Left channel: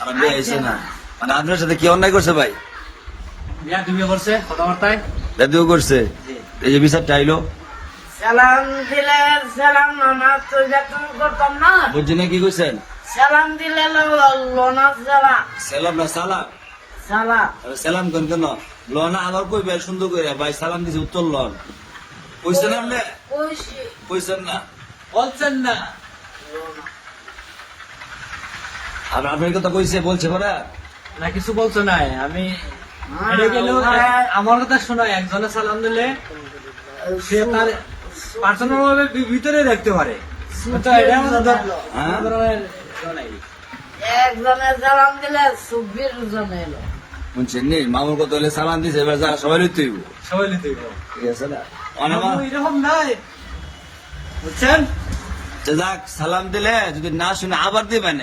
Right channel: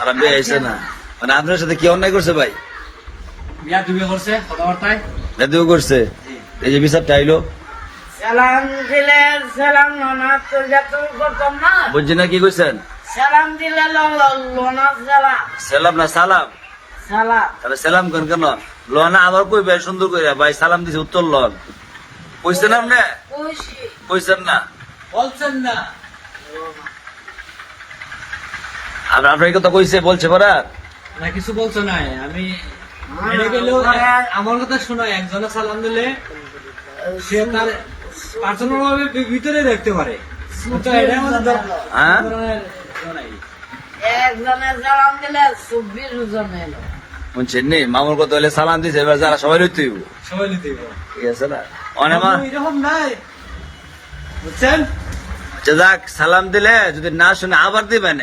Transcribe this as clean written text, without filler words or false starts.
আর আমি আইসে না মানে আপনার সাথে কি অন্যায় করছে ভাই? বিয়া দুবে করছে কথাবার্তায়। দাদিও করছে, এই যে বিচারটা আইলো সালাম দিলে সালাম না তো যত করতাম না। বুঝছি না কি কইছেন? সালাম দিলে লোনা সালাম সালাম না সালাম, সালাম তাহলে সালাম কেন কেন লনা আবার কই ভাই সুন্দর করে ভাই সালাম দিছে উত্তর লন কইছেন আপনি? কইছি কইছেন না বলছেন না আপনার কথা কইছে বলছে পরা না কিছু বলছো না। আমি এটা গেলেও আমার কথা শোনো, একজনে সালাম দিলে সে তার পার্সোনাল ভাবে ভিতরে দেখতে পারে। তো এটা হ্যাঁ একজনে সালাম দিলে 24 জন এলো। শুনছেন নি মামুর কথা হলে সালাম দিছে এবার যারা সবাই লইতে হইব, সবাই নিতে ঠিক আছে না? অনেক এরকম নাই, বুঝছেন? যাক সালাম দিলে যদি না শুনে আবার দিবেন